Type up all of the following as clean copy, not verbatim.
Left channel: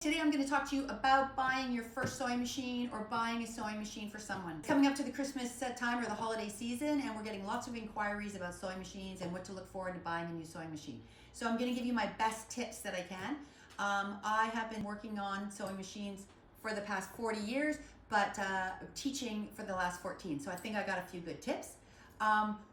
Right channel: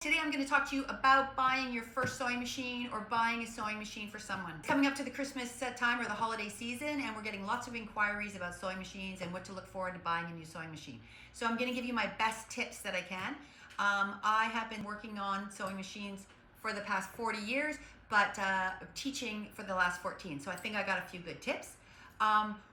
Today I'm going to talk to you about buying your first sewing machine or buying a sewing machine for someone. Coming up to the Christmas time or the holiday season, and we're getting lots of inquiries about sewing machines and what to look forward to buying a new sewing machine. So I'm going to give you my best tips that I can. I have been working on sewing machines for the past 40 years, but teaching for the last 14. So I think I got a few good tips.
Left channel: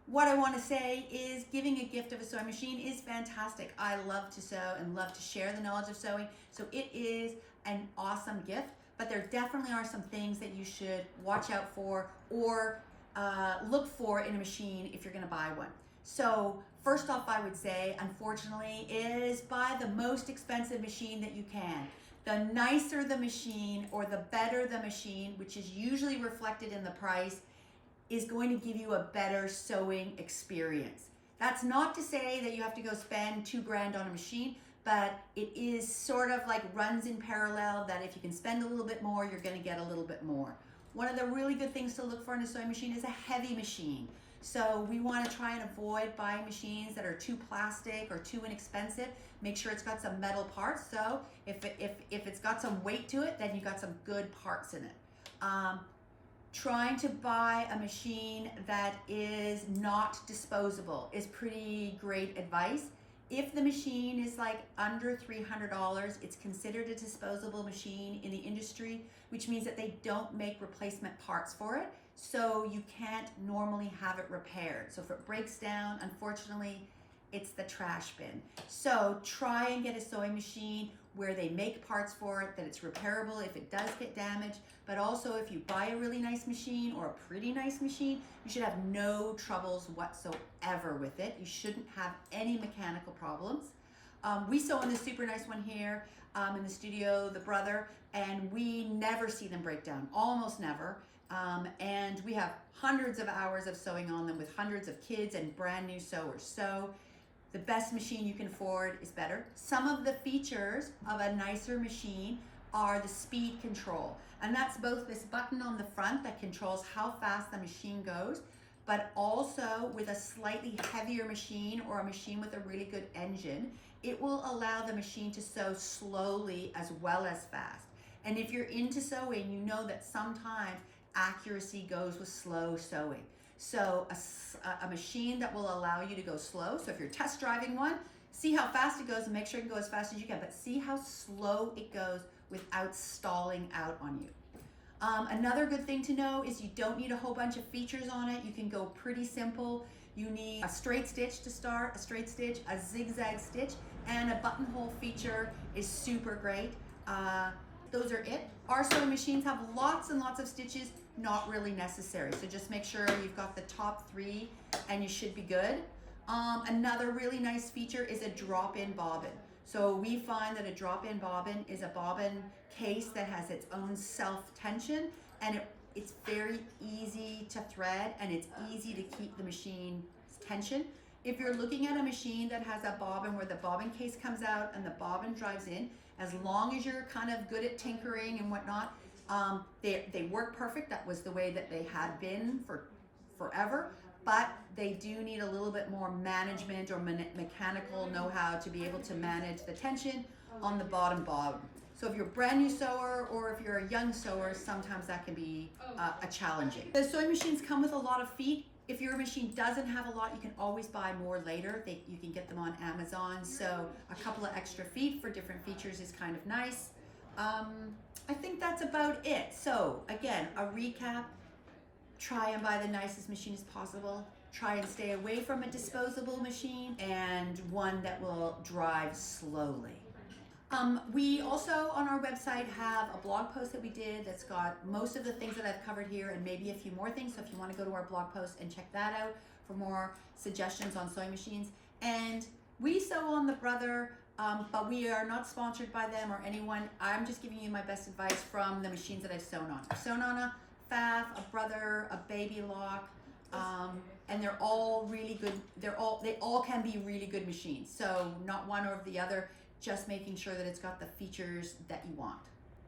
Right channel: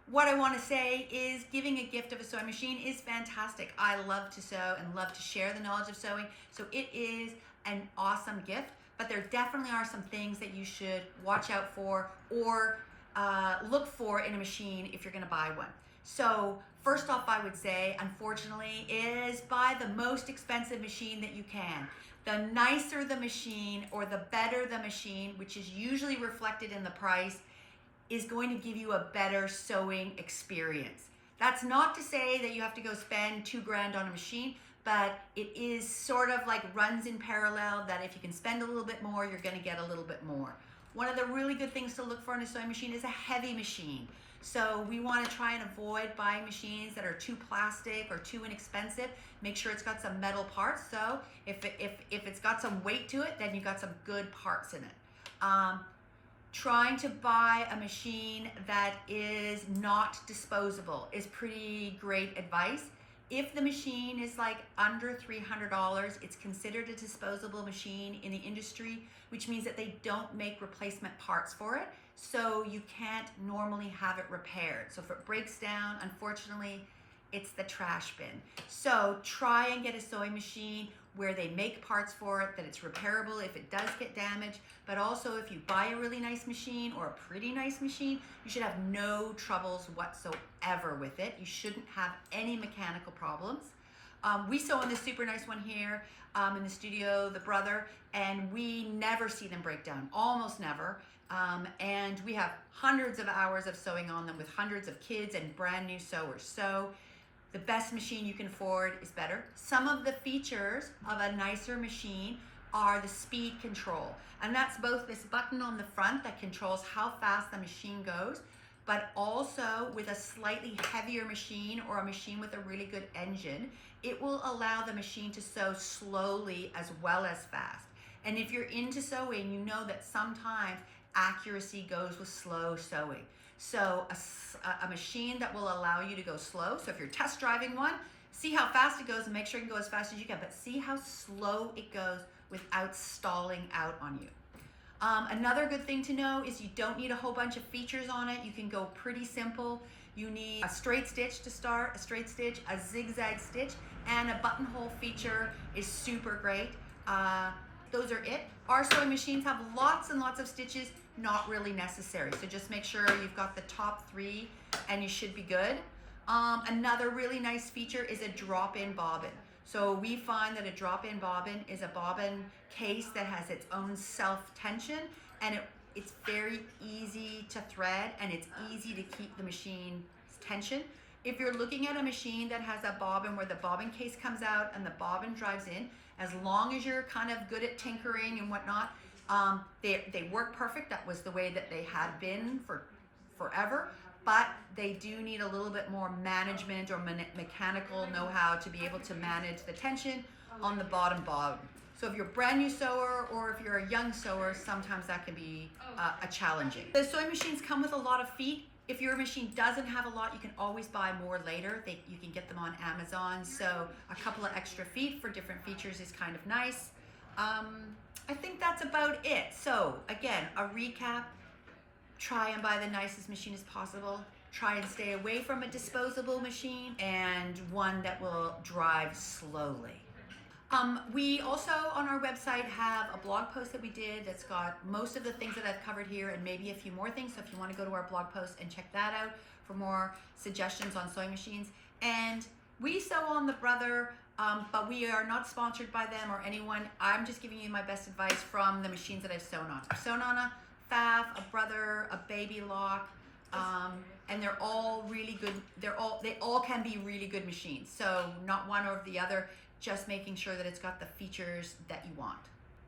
What I want to say is giving a gift of a sewing machine is fantastic. I love to sew and love to share the knowledge of sewing. So it is an awesome gift, but there definitely are some things that you should watch out for or look for in a machine if you're going to buy one. So first off, I would say, unfortunately, is buy the most expensive machine that you can. The nicer the machine or the better the machine, which is usually reflected in the price, is going to give you a better sewing experience. That's not to say that you have to go spend $2,000 on a machine, but it is sort of like runs in parallel that if you can spend a little bit more, you're going to get a little bit more. One of the really good things to look for in a sewing machine is a heavy machine. So we want to try and avoid buying machines that are too plastic or too inexpensive. Make sure it's got some metal parts. So if it's got some weight to it, then you got some good parts in it. Trying to buy a machine that is not disposable is pretty great advice. If the machine is like under $300, it's considered a disposable machine in the industry, which means that they don't make replacement parts for it. So you can't normally have it repaired. So if it breaks down, unfortunately, it's the trash bin. So try and get a sewing machine where they make parts for it, that it's repairable if it does get damaged. But also if you buy a really nice machine or a pretty nice machine, you should have no troubles whatsoever with it. You shouldn't have any mechanical problems. We sew on this super nice one here in the studio, the Brother, and we never see them break down, almost never. And we have hundreds of hours of sewing on them with hundreds of kids and brand new sewers. So the best machine you can afford is better. Some of the features of a nicer machine are the speed control. And that's both this button on the front that controls how fast the machine goes, but also with a slightly heavier machine or a machine with a really good engine, it will allow the machine to sew slowly as well as fast. And if you're into sewing, you know that sometimes accuracy goes with slow sewing. So a machine that will allow you to go slow. So if you're test driving one, see how fast it goes and make sure you can go as fast as you can, but see how slow it goes without stalling out on you. Another good thing to know is you don't need a whole bunch of features on it. You can go pretty simple. You need a straight stitch to start, a straight stitch, a zigzag stitch, and a buttonhole feature is super great. Those are it. Our sewing machines have lots and lots of stitches, not really necessary. So just make sure you've got the top 3 and you should be good. Another really nice feature is a drop-in bobbin. So we find that a drop-in bobbin is a bobbin case that has its own self-tension, and it's very easy to thread and it's easy to keep the machine's tension. If you're looking at a machine that has a bobbin where the bobbin case comes out and the bobbin drives in, as long as you're kind of good at tinkering and whatnot, they work perfect. That was the way that they had been for forever, but they do need a little bit more management or mechanical know-how to be able to manage the tension on the bottom bobbin. So if you're a brand new sewer or if you're a young sewer, sometimes that can be challenging. The sewing machines come with a lot of feet. If your machine doesn't have a lot, you can always buy more later. You can get them on Amazon. So a couple of extra feet for different features is kind of nice. I think that's about it. So again, a recap, try and buy the nicest machine as possible. Try and stay away from a disposable machine and one that will drive slowly. We also on our website have a blog post that we did that's got most of the things that I've covered here and maybe a few more things. So if you want to go to our blog post and check that out for more suggestions on sewing machines. And we sew on the Brother, but we are not sponsored by them or anyone. I'm just giving you my best advice from the machines that I've sewn on. I've sewn on a Pfaff, a Brother, a Baby Lock, and they're all really good. They all can be really good machines. So not one or the other, just making sure that it's got the features that you want.